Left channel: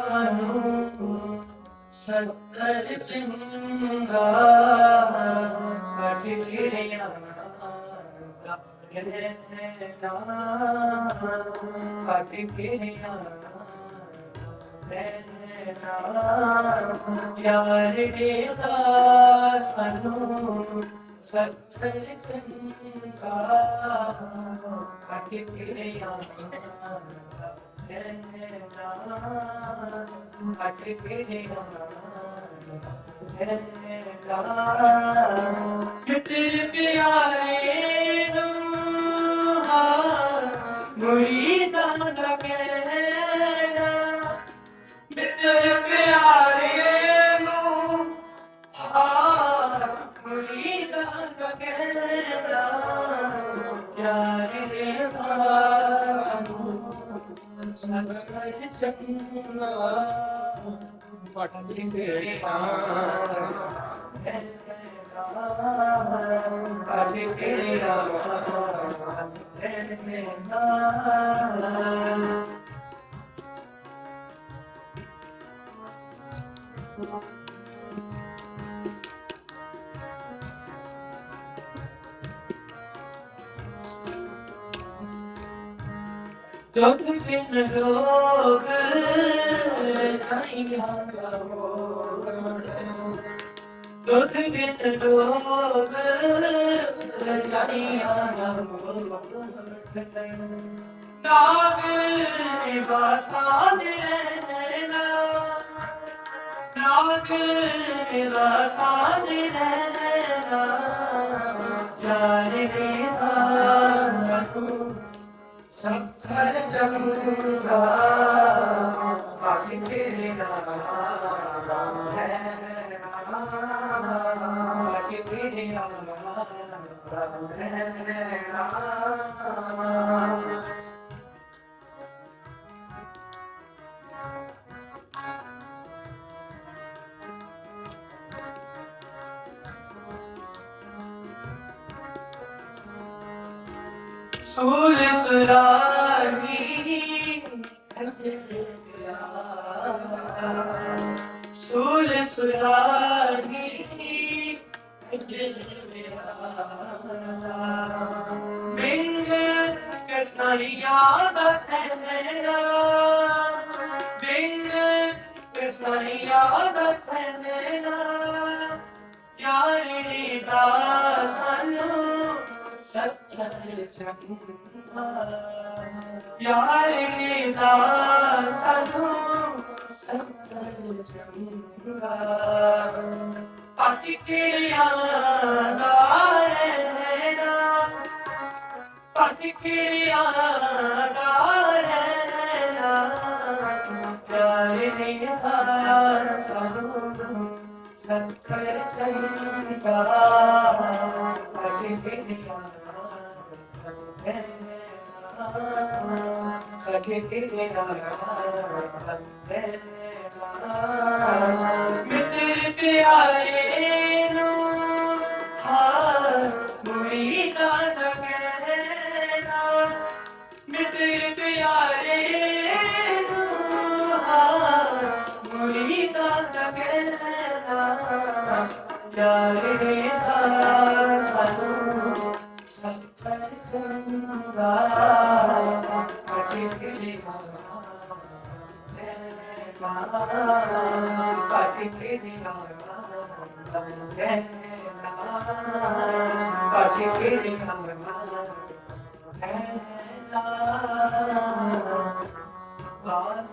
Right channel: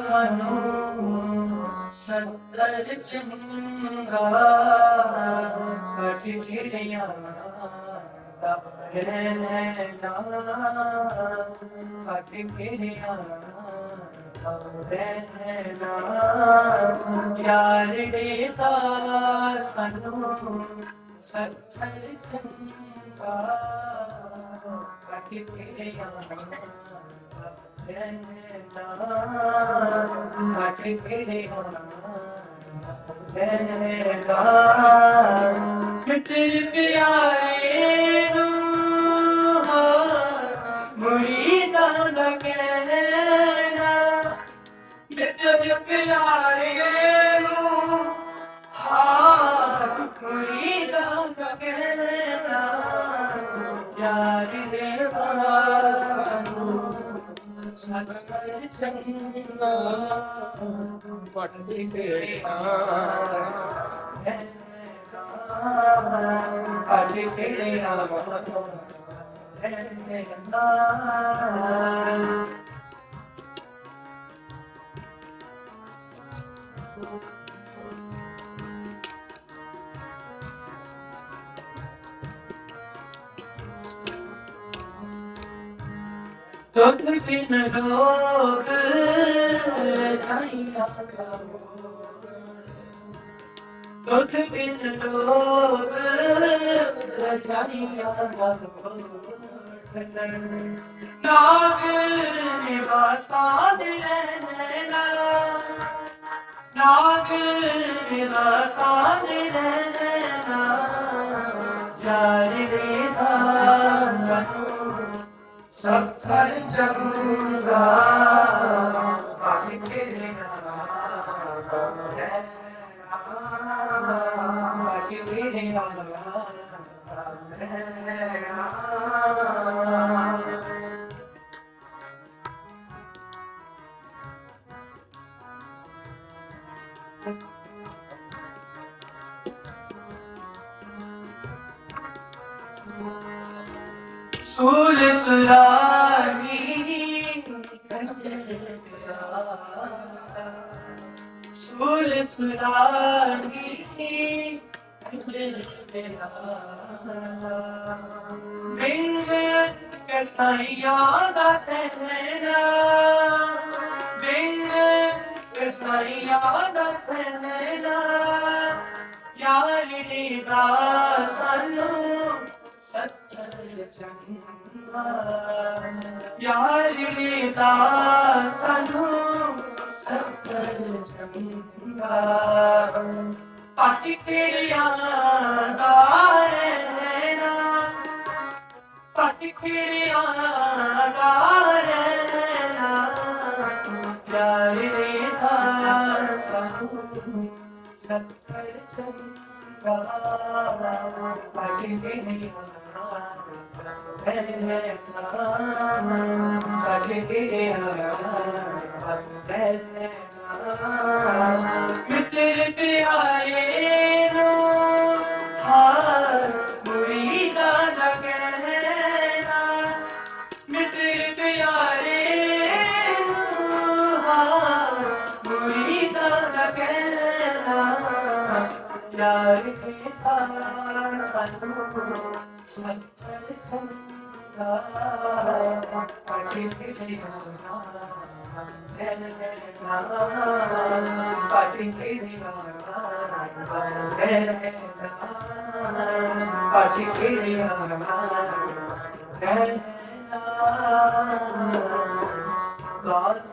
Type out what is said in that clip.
ਸਾਨੂੰ ਸੱਤਰ ਚੰਗਾ ਕਟ ਫਿਰਿਆ ਦਾ ਰਹਿਣਾ ਕਟ ਫਿਰਿਆ ਦਾ ਰਹਿਣਾ ਯਾਰ ਦੇਦਾ ਸਾਨੂੰ ਸੱਤਰ ਚੰਗਾ ਕਟ ਫਿਰਿਆ ਮਟ ਕਿਹੜੇ ਹੋਣਾ ਸਤਿ ਚੰਗਾ ਪਟਿ ਤੇਰੇ ਨਾਲ ਪਟਿ ਤੇਰੇ ਨਾਲ ਦੁੱਧ ਬਿਨ ਰੋਗ ਰਜਾਈਆਂ ਦੁੱਧ ਬਿਨ ਰੋਗ ਰਜਾਈਆਂ ਨਾਗ ਨਿਵਾਸਾਂ ਦੇ ਰਹਿਣਾ ਨਾਗ ਨਿਵਾਸਾਂ ਦੇ ਰਹਿਣਾ ਭਗ ਤੇਰੇ ਸੂਲ ਸੁਰਾਗੀ ਮਿੰਗ ਕਸਾਈਆਂ ਦਾ ਸਹਿਣਾ ਮਿੰਗ ਕਸਾਈਆਂ ਦਾ ਸਹਿਣਾ ਯਾਰੀ ਦਾ ਸਾਨੂੰ ਸੱਚਰ ਚੰਗਾ ਦਾ ਰਹਿਣਾ ਪਾਟੀ ਦਾ ਰਹਿਣਾ ਯਾਰੀ ਦਾ ਸਾਨੂੰ ਸੱਚਰ ਚੰਗਾ ਪਾਟੀ ਕਿਰਿਆ ਪਾਟੀ ਪਿਆਰੇ ਨੂੰ ਹਾਰ ਮੁਰੀਦਾ ਦਾ ਕਹਿਣਾ ਮਿੱਤਰ ਪਿਆਰੇ ਨੂੰ ਹਾਰ ਮੁਰੀਦਾ ਦਾ ਕਹਿਣਾ ਯਾਰ ਦੇ ਦਾ ਸਾਨੂੰ ਸੱਚਰ ਚੰਗਾ ਮਨ ਰਹਿ ਪਾਠੀ ਕੇਰੀ ਹਰ ਮਨ ਰਹਿ ਗਾਲ